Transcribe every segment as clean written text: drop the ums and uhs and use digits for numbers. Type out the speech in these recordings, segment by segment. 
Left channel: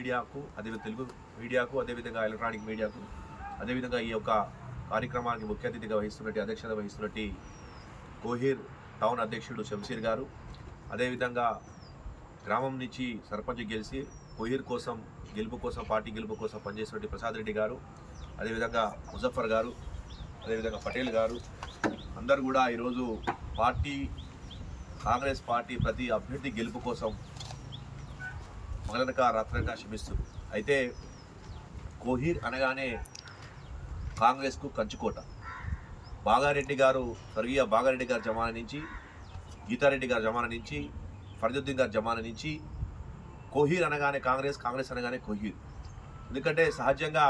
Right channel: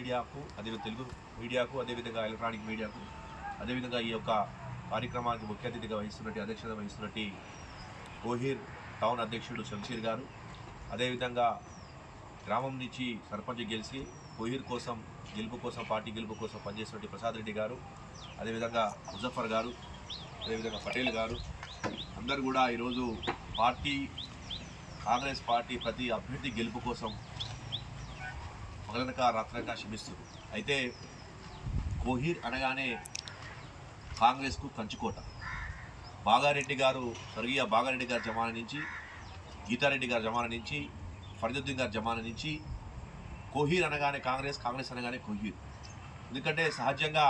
మీడియాకు అదేవిధంగా తెలుగు మీడియాకు అదేవిధంగా ఎలక్ట్రానిక్ మీడియాకు అదేవిధంగా ఈ యొక్క కార్యక్రమానికి ముఖ్య అతిథిగా అధ్యక్షత వహిస్తున్నట్టు కోహీర్ టౌన్ అధ్యక్షుడు శంషీర్ గారు, అదేవిధంగా గ్రామం నుంచి సర్పంచ్ గెలిచి కోహీర్ కోసం పార్టీ గెలుపు కోసం పనిచేసినట్టు ప్రసాద్ రెడ్డి గారు, అదేవిధంగా ముజఫర్ గారు, అదేవిధంగా పటేల్ గారు అందరూ కూడా ఈరోజు కాంగ్రెస్ పార్టీ ప్రతి అభ్యర్థి గెలుపు కోసం మగలనక రాత్రనక శ్రమిస్తుంది. అయితే కోహీర్ అనగానే కాంగ్రెస్కు కంచుకోట. స్వర్గీయ బాగారెడ్డి గారి జమానా నుంచి, గీతారెడ్డి గారి జమానా నుంచి, ఫరీదుద్దీన్ గారి జమానా నుంచి కోహీర్ అనగానే కాంగ్రెస్ అనగానే కోహీర్. ఎందుకంటే సహజంగా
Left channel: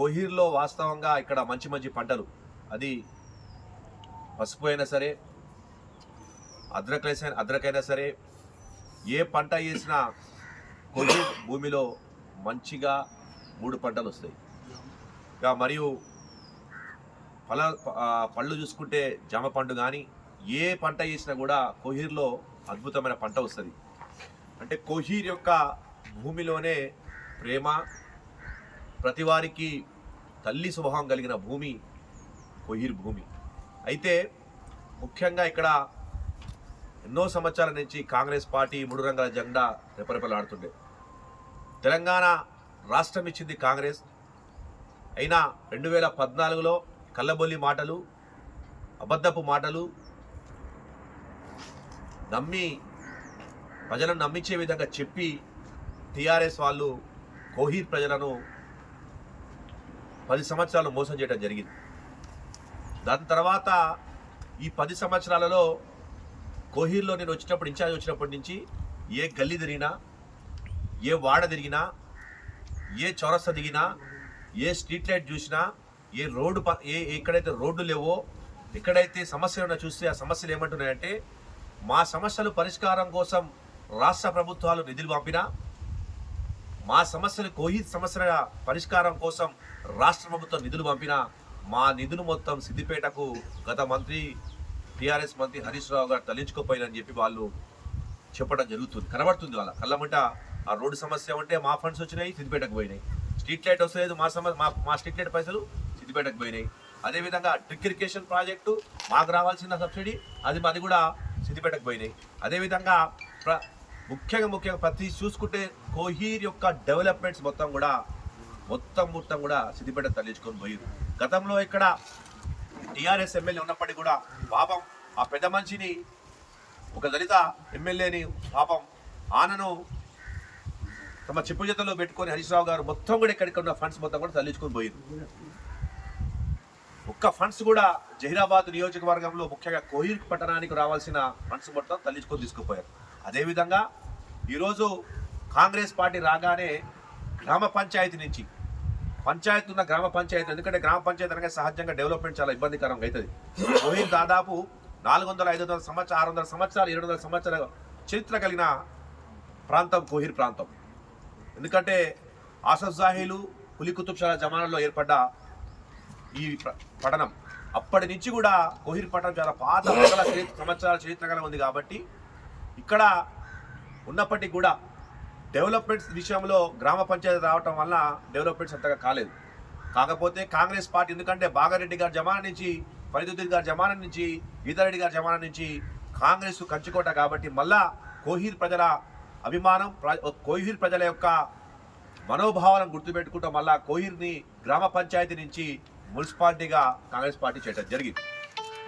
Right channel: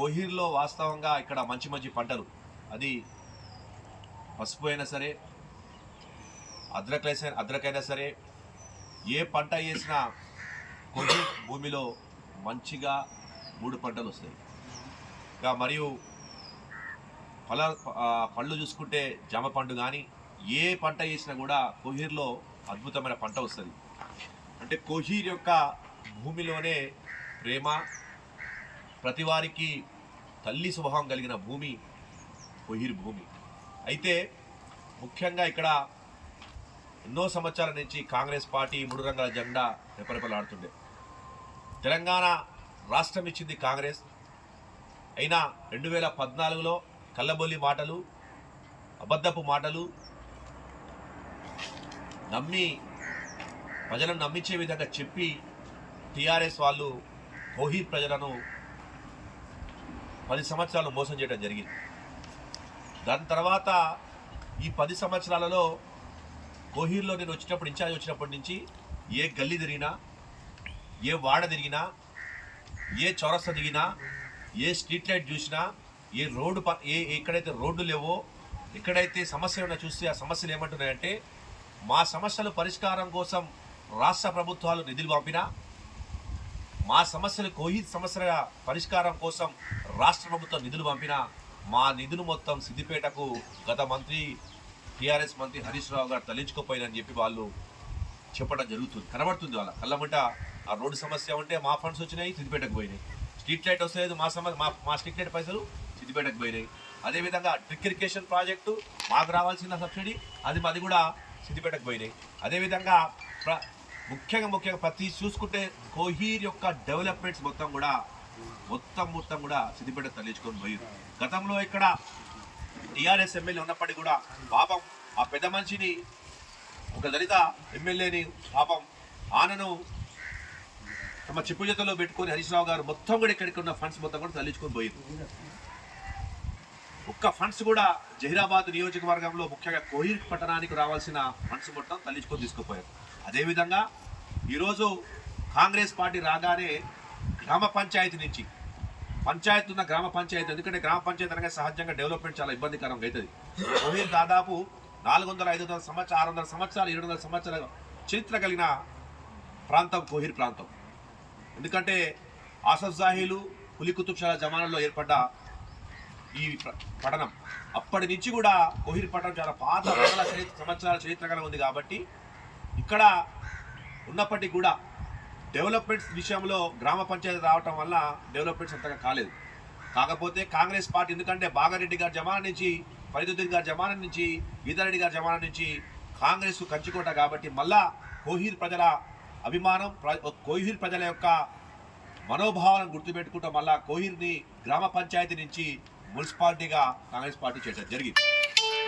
కోహీర్లో వాస్తవంగా ఇక్కడ మంచి పంటలు, అది పసుపు అయినా సరే, అద్రకైనా సరే, ఏ పంట వేసినా కోహీర్ భూమిలో మంచిగా 3 పంటలు వస్తాయి. మరియు పళ్ళు చూసుకుంటే జామ పండు కానీ ఏ పంట వేసినా కూడా కోహీర్లో అద్భుతమైన పంట వస్తుంది. అంటే కోహీర్ యొక్క భూమిలోనే ప్రేమ, ప్రతివారికి తల్లి స్వభావం కలిగిన భూమి కోహీర్ భూమి. అయితే ముఖ్యంగా ఇక్కడ ఎన్నో సంవత్సరాల నుంచి కాంగ్రెస్ పార్టీ 3 రంగుల జెండా రెపరెపలాడుతుండే. తెలంగాణ రాష్ట్రం ఇచ్చింది కాంగ్రెస్. అయినా 2014లో కల్లబొల్లి మాటలు, అబద్ధపు మాటలు ప్రజలను నమ్మించే విధంగా చెప్పి టీఆర్ఎస్ వాళ్ళు కోహీర్ ప్రజలను 10 సంవత్సరాలు మోసం చేయడం జరిగింది. దాని తర్వాత ఈ 10 సంవత్సరాలలో కోహీర్లో నేను ఇన్ఛార్జ్ వచ్చినప్పటి నుంచి ఏ గల్లీ తిరిగినా, ఏ వాడ తిరిగినా, ఏ చౌరస్తా దిగినా, ఏ స్ట్రీట్ లైట్ చూసినా, ఎక్కడైతే రోడ్డు లేవో, ఎక్కడైతే సమస్యలు ఉన్నా చూస్తే ఆ సమస్యలు ఏమంటున్నాయంటే, మా సమస్యలు పరిష్కారం కోసం రాష్ట్ర ప్రభుత్వాలు నిధులు పంపినా, మా సమస్యలు కోహీర్ సమస్యల పరిష్కారం కోసం రాష్ట్ర ప్రభుత్వం నిధులు పంపినా, మా నిధులు మొత్తం సిద్దిపేటకు గత టీఆర్ఎస్ మంత్రి హరీష్ రావు గారు తరలించుకోపోయినని చెప్పి వాళ్ళు చెప్పడం జరుగుతుంది, కనబడుతుంది. వాళ్ళ కళ్ళమంట ఆ రోడ్డు సమస్య ఉంటే మా ఫండ్స్ వచ్చినాయి, సిద్దిపేటకు పోయినాయి. స్ట్రీట్ లైట్ వస్తలేదు, మా స్ట్రీట్ లైట్ పైసలు సిద్దిపేటకు పోయినాయి. అదేవిధంగా డ్రిప్ ఇరిగేషన్ ప్రాజెక్టు మాకు రావాల్సిన సబ్సిడీ అది కూడా సిద్దిపేటకు పోయినాయి. అదేవిధంగా ముఖ్యంగా ప్రతి చూసుకుంటే కోహీర్ యొక్క డెవలప్మెంట్స్ మొత్తం కూడా సిద్దిపేట తరలించుకొని పోయారు. గతంలో ఇక్కడ టీఆర్ఎస్ ఎమ్మెల్యే ఉన్నప్పటికీ కూడా పాపం ఆ పెద్ద మనిషిని, ఒక దళిత ఎమ్మెల్యేని పాపం ఆనను తమ చెప్పు జతలో పెట్టుకొని హరీష్ రావు గారు మొత్తం కూడా ఇక్కడికి ఫండ్స్ మొత్తం కూడా తరలించుకొని పోయారు. ఒక్క ఫండ్స్ కూడా జహీరాబాద్ నియోజకవర్గంలో ముఖ్యంగా కోహీర్ పట్టణానికి రావాల్సిన ఫండ్స్ మొత్తం తరలించుకొని తీసుకుపోయారు. అదేవిధంగా ఈరోజు కాంగ్రెస్ పార్టీ రాగానే గ్రామ పంచాయతీ నుంచి గ్రామ పంచాయతీ, ఎందుకంటే గ్రామ పంచాయతీ అనగా సహజంగా డెవలప్మెంట్ చాలా ఇబ్బందికరంగా అవుతుంది. కోహీర్ దాదాపు 400-500 సంవత్సరాలు, 600 సంవత్సరాలు, 700 సంవత్సరాల చరిత్ర కలిగిన ప్రాంతం కోహీర్ ప్రాంతం. ఎందుకంటే ఆసఫ్ జాహీలు, కులీ కుతుబ్షాల జమానాలో ఏర్పడ్డ ఈ పట్టణం అప్పటి నుంచి కూడా కోహీర్ పట్టణం చాలా పాత సంవత్సరాల చరిత్ర కలిగి ఉంది. కాబట్టి ఇక్కడ ఉన్నప్పటికీ కూడా డెవలప్మెంట్స్ విషయంలో గ్రామ పంచాయతీ రావటం వల్ల డెవలప్మెంట్స్ అంతగా కాలేదు. కాకపోతే కాంగ్రెస్ పార్టీ, ఎందుకంటే బాగారెడ్డి గారి జమానా నుంచి, ఫరీదుద్దీన్ గారి జమానా నుంచి, గీతారెడ్డి గారి జమానా నుంచి కాంగ్రెస్ కంచుకోట. కాబట్టి మళ్ళా కోహీర్ ప్రజల అభిమానం, కోహీర్ ప్రజల యొక్క మనోభావాలను గుర్తుపెట్టుకుంటూ మళ్ళా కోహీర్ని గ్రామ పంచాయతీ నుంచి మున్సిపాలిటీగా కాంగ్రెస్ పార్టీ చేయడం జరిగింది.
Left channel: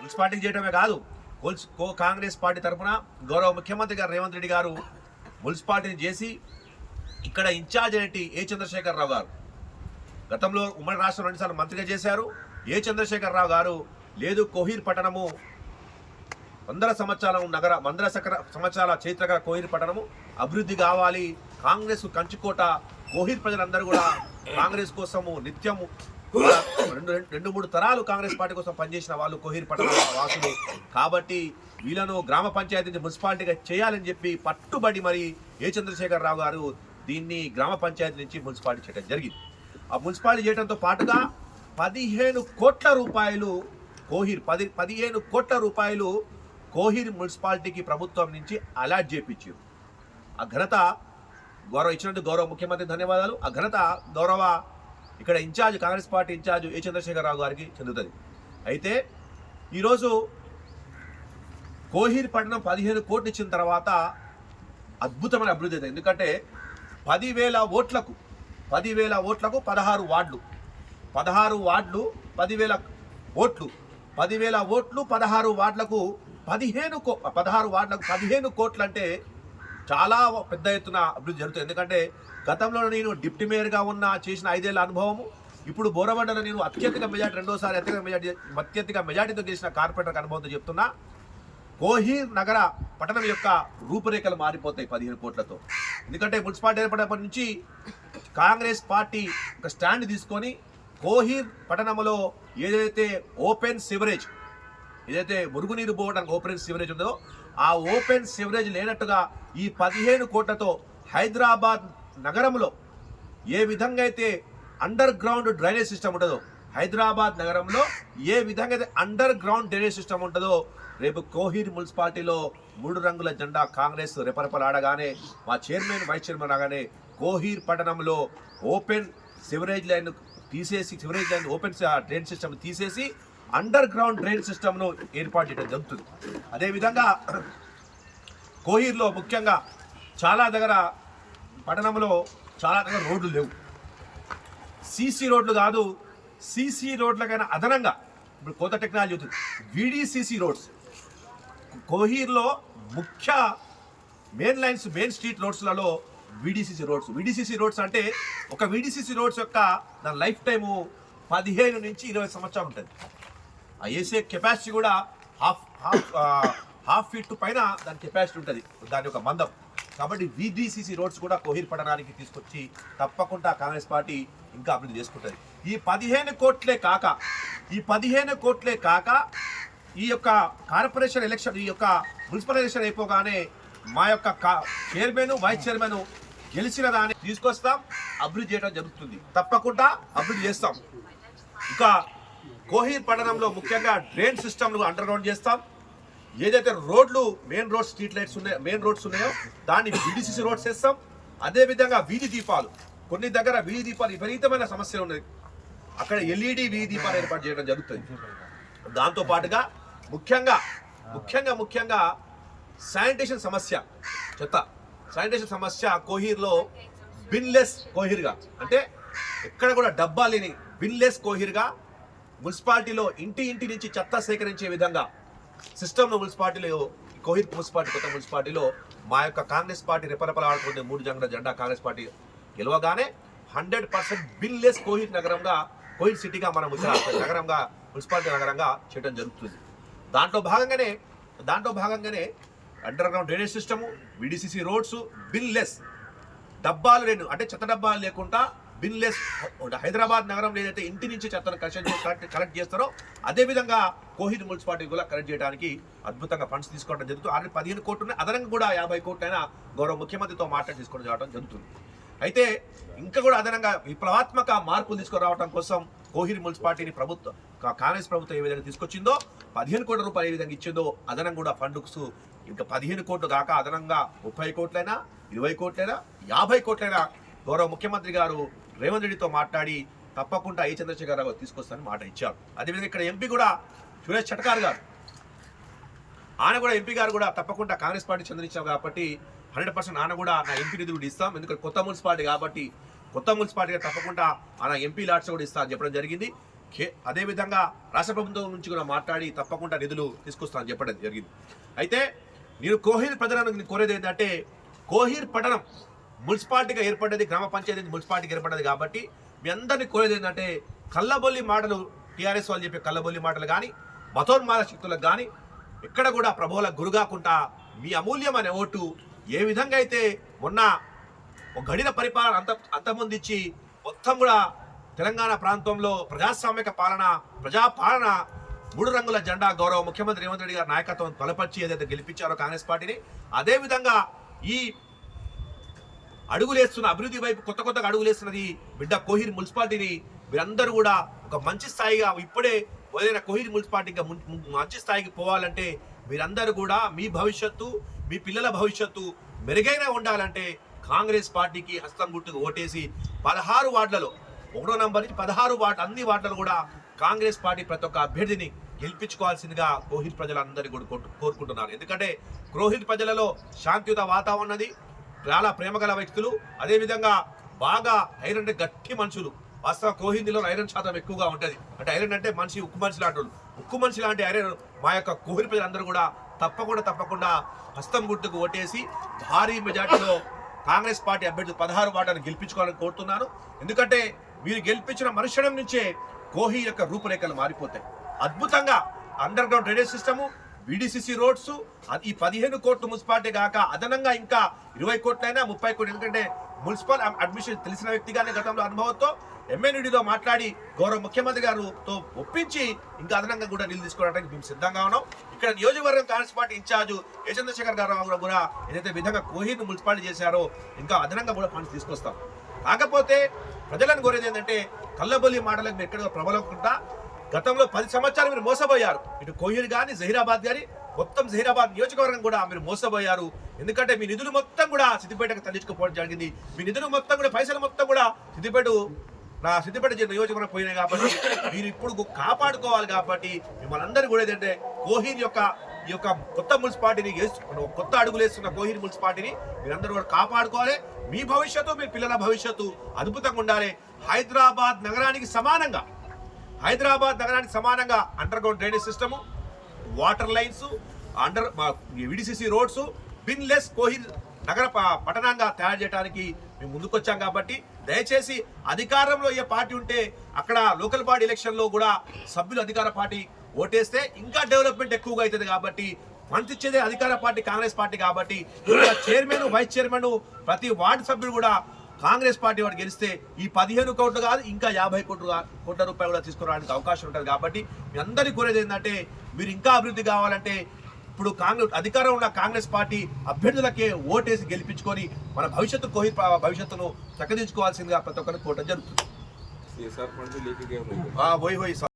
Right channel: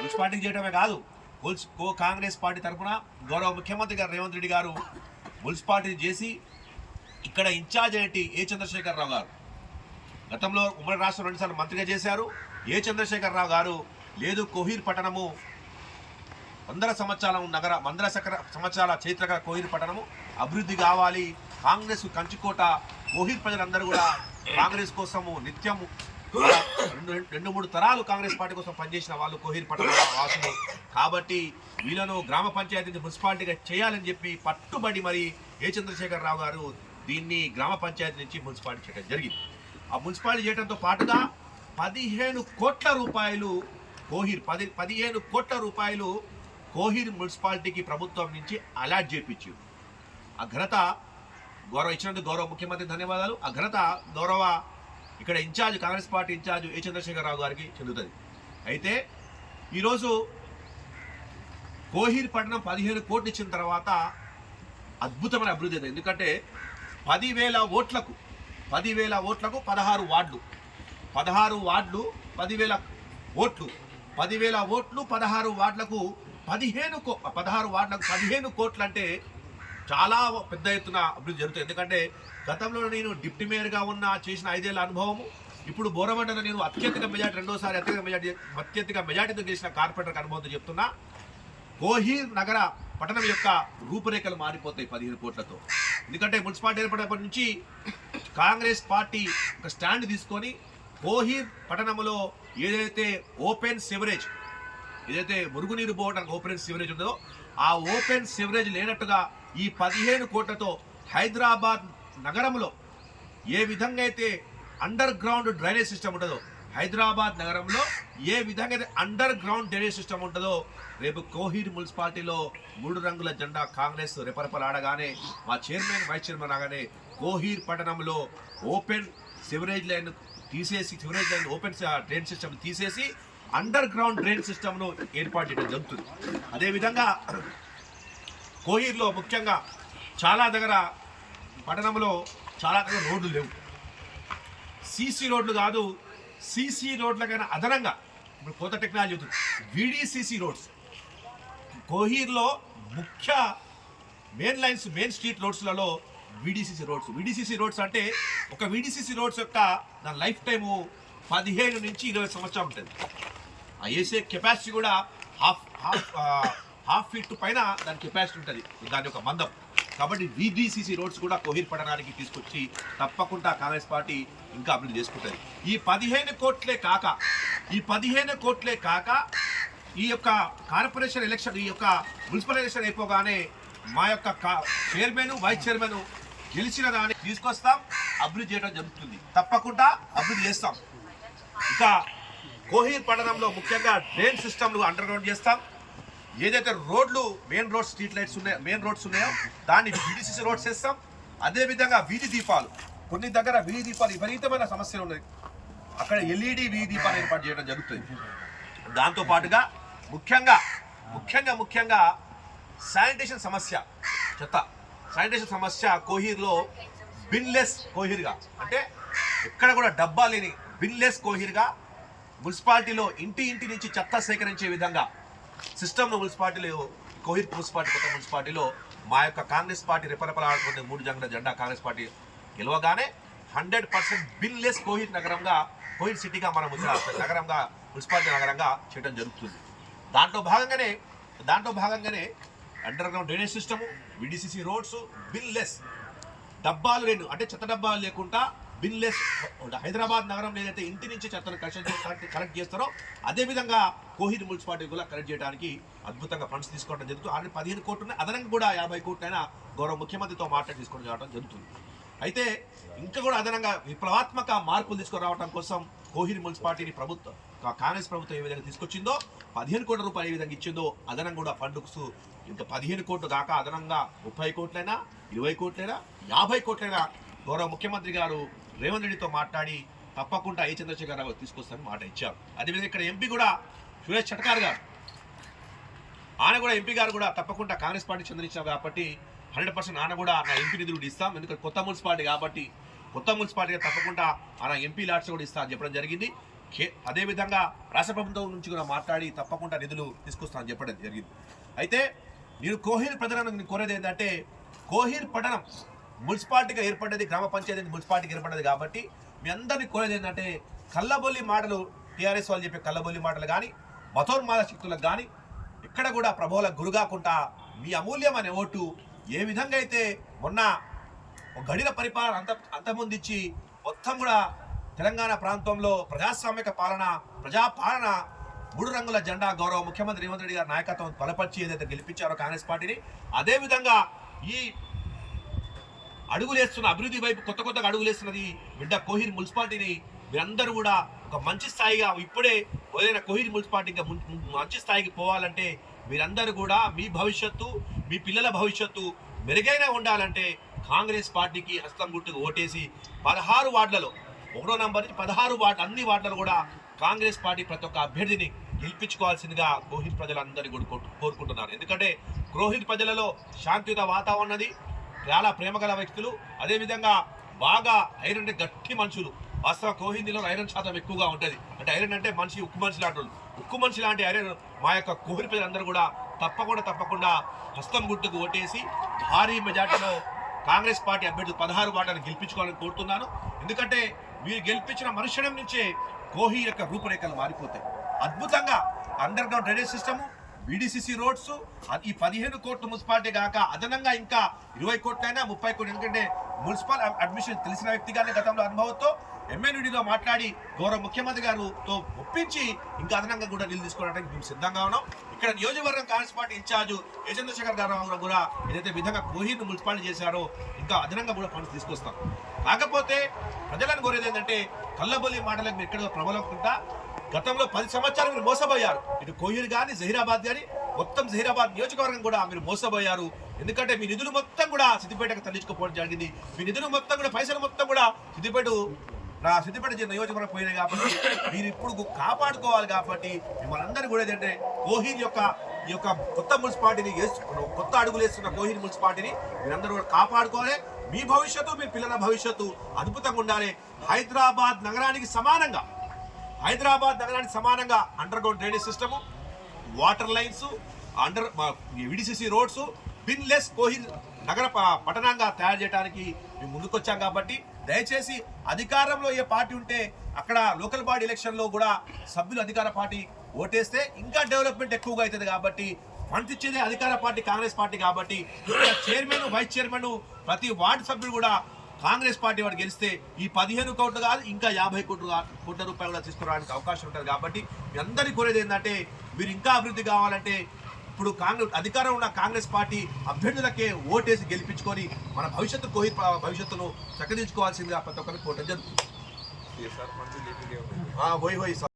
మున్సిపాలిటీ చేయడమే కాదు, కాంగ్రెస్ పార్టీ తరఫున గౌరవ ముఖ్యమంత్రి గారు రేవంత్ రెడ్డి గారు మున్సిపాలిటీని చేసి ఇక్కడ ఇన్ఛార్జ్ ఏంటి ఏ చంద్రశేఖరరావు గారు గతంలో ఉమ్మడి రాష్ట్రం 2 సార్లు మంత్రిగా చేశారు. ఏ చంద్రశేఖరరావు గారు లేదు, కోహీర్ పట్టణము 100 సంవత్సరాల చరిత్ర గల కోహీర్ పట్టణము అభివృద్ధి కావాలి, కాంగ్రెస్ కంచుకోట, కోహీర్ ప్రజలందరూ కూడా కాంగ్రెస్ కోసము నిత్యము 2-3 తరాలు కాంగ్రెస్ పార్టీ కోసం పనిచేసిన వాళ్ళు కోహీర్ పట్టణ వాసులు. కాబట్టి వీళ్ళను గ్రామ పంచాయతీ మున్సిపాలిటీగా చేయాలని చెప్పి పట్టుబడి మరి ఏ చంద్రశేఖరరావు గారు దీన్ని గ్రామ పంచాయతీ నుంచి మున్సిపాలిటీ చేయడం జరిగింది. ఆ మున్సిపాలిటీ చేయడంతో పాటుగా 15 కోట్ల రూపాయలు కోహీర్ 15 కోట్ల రూపాయలు కోహీర్ మున్సిపాలిటీకి ప్రభుత్వం నుంచి అలాట్ చేయించారు. ఆ ఘనత ఇచ్చినందుకు గౌరవ ముఖ్యమంత్రి ధన్యవాదాలు. ఆ ఘనత గౌరవ ఇక్కడ ఇన్ఛార్జ్ కాంగ్రెస్ పార్టీ ఇన్ఛార్జ్ ఏ చంద్రశేఖరరావు గారికి చెందుతుంది. అయితే ఈరోజు కోహీర్ పట్టణం 15 కోట్లు ఇచ్చిన తర్వాత అద్భుతమైన అభివృద్ధి అయింది. ఎందుకంటే 10,000 ఓట్లకు 16 వార్డులు 16 వార్డులు 10,000 ఓట్లు 10,000 ఓట్లు 16 వార్డులకు 15 కోట్లు అంటే చాలా పెద్ద ఎత్తున అభివృద్ధి జరుగుతుంది. ఎందుకంటే గతంలో నేను డిప్యూటీ మేయర్గా చేసిన 5 ఏళ్ల అనుభవము, ఇప్పుడు బోరబండలో నేను అత్యధిక మెజార్టీ రెండోసారి అత్యధిక మెజార్టీతో చేసిన కార్పొరేటర్ అనుభవంతో చెప్తున్నా, కోహీర్ నగర పట్టణం యొక్క రూపురేఖలు మారిపోతాయి 15 కోట్లతో. ఎందుకంటే మున్సిపాలిటీ ఏర్పడినప్పటి నుంచి కాంగ్రెస్ పార్టీ ఒక స్టాండ్ తీసుకొని కోహీర్ పట్టణంలో ఏదైతే ఓపెన్ సివరేజ్, ఏదైతే మురుగునీరు పోవడానికి ఓపెన్ సివరేజ్ ఉందో ఆ ఓపెన్ సివరేజ్ లేనట్టుగా ఈ 15 కోట్లతో హైదరాబాద్ నగరంలో ఏ విధంగా అయితే అండర్ గ్రౌండ్ డ్రైనేజ్ సిస్టమ్ ఉంటుందో, హైదరాబాద్ నగరంలో ఏ విధంగా అయితే అండర్ గ్రౌండ్ డ్రైనేజ్ సిస్టమ్ ఉంటుందో, రేపు కోహీర్ మున్సిపాలిటీలో 3 రంగుల జెండా కాంగ్రెస్ రెపరెపలాడగానే మా చైర్మన్ వైస్ చైర్మన్ రాగానే కోహీర్ పట్టణంలో ఓపెన్ సివరేజ్ లైన్ తీసేసి ఓపెన్ డ్రైన్ సిస్టమ్ తీసేసి అండర్ గ్రౌండ్ డ్రైన్ సిస్టమ్ను ఏర్పాటు చేయడం జరుగుతుంది. అదేవిధంగా కోహీర్లో ముఖ్యంగా చాలా దగ్గర పట్టణంలో చాలా దగ్గర రోడ్లు లేవు. సీసీ రోడ్లు కాదు, సీసీ రోడ్లకైనా అదనంగా ఇప్పుడు కొత్త టెక్నాలజీ అవుతుంది వీడీసీసీ రోడ్స్. కోహీర్లో ముఖ్య మెయిన్ స్ట్రీట్ రోడ్స్లలో వీడీసీసీ రోడ్స్ అంటే ఒక వీడీసీసీ రోడ్స్ యొక్క దాని లైఫ్ టైము 15 నుంచి 20 సంవత్సరాలు ఉంటుంది. ఆ వేసే కెపాసిటీ కూడా హాఫ్ ఫీట్ పైన దాని కెపాసిటీ ఉంటుంది, దాని యొక్క మందం. కాబట్టి వీడీసీసీ రోడ్స్ కూడా కోహీర్ పట్టణానికి తీసుకొచ్చి తప్పకుండా కాంగ్రెస్ పార్టీ ఇంకా అభివృద్ధి చేసుకుంటుంది. ఈ 15 కోట్లే కాక ఈ యొక్క కార్పొరేషన్ ఎలక్షన్, ఈ యొక్క మున్సిపల్ ఎలక్షన్ అయిపోగానే మా యొక్క చైర్మన్ వైస్ చైర్మన్ గెలిచిన దాన్ని తీసుకొస్తాం, అభివృద్ధి చేయడం జరుగుతుంది. తప్పకుండా అభివృద్ధి చేస్తాం. ఇంకా కోహీర్ పట్టణంలో ముఖ్యంగా డ్రైన్ సిస్టమ్ను అండర్ గ్రౌండ్ చేస్తాం. ఏదైతే మెయిన్ రోడ్స్ ఉన్నాయో దాన్ని వీడీసీసీ రోడ్స్ వేస్తాం. అదేవిధంగా వీధి దీపాలు, కొన్ని దగ్గర వీధి దీపాలు విపరీతమైన సమస్యలు ఉన్నాయి, అక్కడ ఎల్ఈడి వీధి దీపాలు ఏర్పాటు చేయడం జరుగుతుంది. దాంతోపాటుగా ముఖ్యంగా శానిటేషన్ సమస్య కోహీర్లో బిన్లెస్ కోహీర్గా, అంటే ఎక్కడ కూడా డబ్బా లేని బిన్లెస్ కోహీర్గా మున్సిపాలిటీలో ఇంటి నుంచి చెత్త సేకరించే విధంగా సిస్టమ్ను కోహీర్ మున్సిపాలిటీ కొత్త మున్సిపాలిటీలో మా యొక్క కాంగ్రెస్ పార్టీ రెపరెపలాడుతున్న 3 రంగుల జెండా కాంగ్రెస్ పార్టీ గెలవగానే 100% బిన్లెస్ కోహీర్ సిటీగా మనం నగరంగా మున్సిపాలిటీ నగరంగా చేయడం జరుగుతుంది. దాంట్లో భాగంగానే underground drainage system, VDCC roads, binless డబ్బాలు అంటే చెత్త డబ్బాలు లేకుండా బిన్లెస్ హైదరాబాద్ నగరంలో ఏదైతే ఇంటి నుంచి చెత్తను కలెక్ట్ చేస్తారో అదేవిధంగా కోహీర్ మున్సిపాలిటీ కూడా కలెక్ట్ చేయడానికి అద్భుతంగా ఫండ్స్ తీసుకోవడం జరుగుతుంది. ఆల్రెడీ 15 కోట్లు ఉన్నాయి, అదనంగా కూడా 50 కోట్లైనా గౌరవ ముఖ్యమంత్రితో మాట్లాడి తీసుకొని రావడం జరుగుతుంది. అయితే ఇంకా కూడా అదనంగా విప్లవాత్మక మార్పులు తీసుకురావడం కోసం కోహీర్ మున్సిపాలిటీని కాంగ్రెస్ ప్రభుత్వం ఏ విధంగా తీసుకొచ్చిందో 15 కోట్ల రూపాయలు ఏ విధంగా ఇచ్చిందో అదనంగా కూడా ఫండ్స్ ఇంకా 15 కోట్లు కాక అదనంగా 30 కోట్లైనా 20 కోట్లైనా 50 కోట్లైనా గౌరవ ముఖ్యమంత్రి గారు రేవంత్ రెడ్డితో మాట్లాడి తప్పకుండా ఏ చంద్రశేఖరరావు తీసుకొస్తానని మాట ఇచ్చారు. అదేవిధంగా ఇక్కడ ఎంపీ కూడా సురేష్ చట్కార్ గారు, ఆయన కూడా ఎంపీ గారు కూడా తప్పకుండా కాంగ్రెస్ పార్టీ చెందించారు కాబట్టి 100% ఆయన కూడా నా ఎంపీ నిధులు ఇస్తాం, ఎందుకంటే కొత్త మున్సిపాలిటీ కాబట్టి కొత్త మున్సిపాలిటీగా తప్పకుండా ఆయన ఎంపీ లాట్స్ కూడా ఇస్తా అని చెప్పడం జరిగింది. అదేవిధంగా రాష్ట్ర ప్రభుత్వం నుంచి కూడా మాట్లాడి తప్పకుండా నిధులు తీసుకొస్తానని చెప్పడం జరిగింది. అయితే నేను కోహీర్ ప్రజలను కోరేది ఏంటంటే, కోహీర్ పట్టణం మున్సిపాలిటీగా ఏర్పడ్డది, గ్రామ పంచాయతీ మున్సిపాలిటీగా ఏర్పడ్డది కాబట్టి మీ అందరినీ కోరేది ఏంటంటే, కళ్ళబొల్లి మాటలు టీఆర్ఎస్ వాళ్ళు చెప్పే కళ్ళబొల్లి మాటలు కానీ మతోన్మాద శక్తులకు కానీ ఎక్కడ కూడా ప్రభువులకు గురికాకుండా మీ అమూల్యమైన ఓటు ఏ విధంగా అయితే మొన్న ఒక గడిన పరిపాలన అంతమొందించి మొత్తం కూడా తెలంగాణ ప్రాంతంలో ప్రజాస్వామిక ప్రజాపాలన 3 రంగుల జెండా గౌరవ ముఖ్యమంత్రి రేవంత్ రెడ్డి గారి నాయకత్వం బలపరిచి ఏదైతే గెలిపించారో కాంగ్రెస్ పార్టీని, అదేవిధంగా ఈ అడుగులేస్తున్న అభివృద్ధి వైపు కొత్తగా అడుగులేస్తున్నది బిడ్డ కోహీర్ మున్సిపాలిటీని మీరందరూ కూడా ఒక మంచి స్థాయిగా, ఇప్పుడే ఏదైనా కోహీర్ మున్సిపాలిటీగా మంచి స్థాయికి పోవాలంటే మీరందరూ కూడా మీ భవిష్యత్తు, మీ పిల్లల భవిష్యత్తు మెరుగైన ఉండాలంటే కాంగ్రెస్ పార్టీకి హస్తం గుర్తుకు ఓటేసి 16 వార్డులలో 1వ నంబర్ నుంచి 16 వార్డు అన్ని వార్డులలో కూడా కాంగ్రెస్ పార్టీ ప్రతి ఒక్క అభ్యర్థిని గెలిపించుకోవాల్సిందిగా కోహిర్ ప్రజలందరినీ కూడా కోరుకుంటున్నారు. ఎందుకంటే కోహిర్ ప్రజలలో శాంతియుత వాతావరణం ఉన్నది, చాలా ప్రేమగల వ్యక్తులు, అదేవిధంగా బాగా ఐరన్ అంటే గట్టి మనుషులు. వాస్తవ కోహిందీలో ఐరన్ శాతం ఎక్కువగా ఉంటుంది. అంటే ఐరన్ అంటే మనిషి ఉక్కు మనిషి లాంటి వాళ్ళు, ఉక్కు మనిషి లాంటి ఐరన్ మా యొక్క కోహిర్ ప్రజలందరూ కూడా తప్పకుండా హస్తం గుర్తుకు ఓటేసి భారీ మెజార్టీలో కాంగ్రెస్ పార్టీ అభ్యర్థి 16 వార్డులను గెలిపించుకోవాలని కోరుతున్నాను. ఎందుకంటే మీరు గెలిపించిన మరుక్షణం నుంచే కోహిర్ యొక్క రూపురేఖలు మారిపోతాయి. అద్భుతంగా underground drainage system, BDCC roads, ఈ 15 కోట్లు మున్సిపాలిటీ కాక అదనంగా ఇంకా 20 కోట్లైనా 30 కోట్లు. ఎందుకంటే మున్సిపల్ అడ్మిషన్ తెలిసిన వ్యక్తిగానే గతంలో అనుభవంతో MNUDలో మాట్లాడి గౌరవ ముఖ్యమంత్రి గారితో ఒప్పించి ఇంకా అదనంగా కూడా నిధులు తీసుకోవడానికి మేము సిద్ధంగా ఉన్నాం. ఇక్కడ నియోజకవర్గం కాంగ్రెస్ పార్టీ ఇన్ఛార్జ్ ఏ చంద్రశేఖర్ గారు కూడా ఏదైతే విధంగా కోహిర్ను మున్సిపాలిటీ చేశారో ఇంకా అదనంగా కూడా ఫండ్స్ తీసుకొస్తాం. కాకపోతే ప్రజలను కోరేది ఏంటంటే కల్లబొల్లి మాటలకు మీరు ఎక్కడో ప్రబలకుండా గతంలో 10 సంవత్సరాలు మీరు మోసపోయారు. ఇటు కోహిర్ కానీ జహీరాబాద్ కానీ మొత్తం జహీరాబాద్ నియోజకవర్గం కూడా మీరు మోసపోయారు. ఎందుకంటే మీ నిధులు మొత్తం కూడా సిద్దిపేటకు తరలించుకోవడం జరిగింది. మీ నిధులు మొత్తం కూడా పైసలు మొత్తం కూడా సిద్దిపేట నియోజకవర్గం పోయినాయి. కాబట్టి మీరు ఇప్పుడు కాపాడుకోవాలి. కాబట్టి మిమ్మల్ని అందరూ కూడా ఏంటంటే కోహిర్ యొక్క ఈ యొక్క కొత్త మున్సిపాలిటీని కొత్త అడుగులు వేస్తున్న కోహిర్ మున్సిపాలిటీని మీరందరూ కూడా కాపాడుకోవాలి. మీ భవిష్యత్తు, మీ పిల్లల భవిష్యత్తు అద్భుతంగా ఉండాలి. హైదరాబాద్ నగరానికి సమానంగా underground drainage system, water lines, VDCC roads, binless Kohir నగర పట్టణంగా తయారు చేయడానికి మేము ముందుకొచ్చాం. కాబట్టి దయచేసి అధికారంలో ఏ పార్టీ ఉంటే అక్కడ లోకల్ బాడీ ఎలక్షన్లో కూడా సభ్యులు అధికార పార్టీ ఓటేస్తే ఇంకా డెవలప్మెంట్ ఎక్కువగా అవుతుంది. కాబట్టి ఫండ్స్ ఇచ్చేదే అధికార పార్టీ కాంగ్రెస్ పార్టీ. కాబట్టి ఇక్కడ చైర్మన్, వైస్ చైర్మన్, ప్రతి వార్డు సభ్యులు కూడా కాంగ్రెస్ పార్టీ వాడు గెలిస్తే ఈ 15 కోట్లు కాదు ఇంకా 50 కోట్ల రూపాయలు కూడా తీసుకురావడానికి అవకాశం ఉంటుంది. కాబట్టి మీ అందరికీ కోరేది ఏంటంటే మీరు ఇంకా అభివృద్ధి కావాలంటే ఇప్పుడు అధికారం ఉన్న కాంగ్రెస్ పార్టీ అభ్యర్థులకే ఓటేసి గెలిపించుకొని మన కోహిర్ భవిష్యత్తును చక్కదించుకోవాల్సిందిగా ప్రతి ఒక్కరికి కోరడం జరుగుతుంది.